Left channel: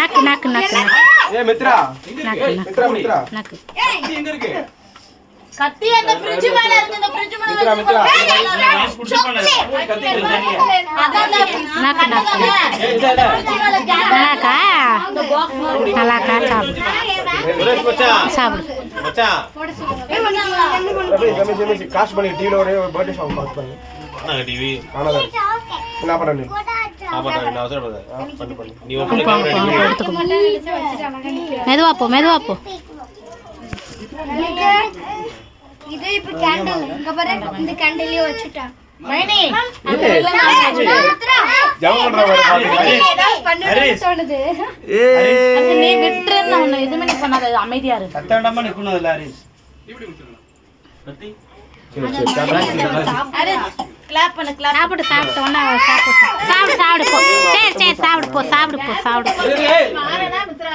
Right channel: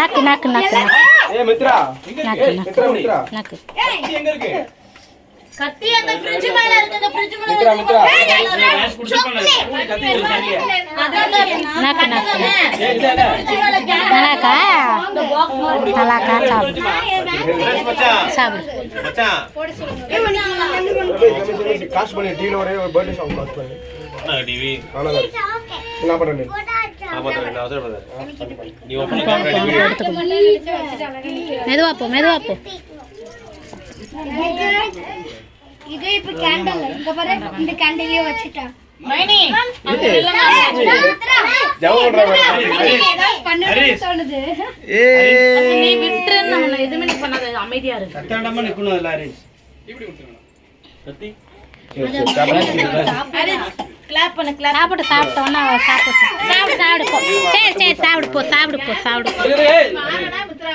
நக்கு நக்கு நக்கு மித்ரா நக்கு மித்ரா மித்ரா நக்கு எங்க இருக்கு? கத்தி அந்த ஃப்ரிட்ஜ் மேல இருக்கு. அந்த ஃப்ரிட்ஜ் மேல மித்ரா மித்ரா நக்கு நக்கு நல்லாக்கா நல்லாக்கா சாப்பிடு சாப்பிடு. காசு பண்ணி டிவில ஒரே பர்த்டே சாங் பார்த்துட்டாங்க. நான் டிவி காணாத என்ன பண்றீங்க? மெதுவா போ மெதுவா போ. இது இப்ப கேண்டல் இங்க பாரு. இந்த கேண்டலையே வச்சிட்டா மைனி. நீ விட்டுறன்னு உன்னை எதுவுமே நீ சொன்னாத. அமைதியா இரு. சத்தடமா நிக்கணும் இல்ல ஹரிஸ். இப்படி விட்டுறணும். கத்தி. கிளாப் பண்ணு. கிளாப் சாப்பிட்டு சாப்பிட்ட உடனே சாப்பிட்டு சாப்பிடு சாப்பிடு போ. சரி சரி சாப்பிடு போ சாப்பிடு போ சாப்பிடு போ.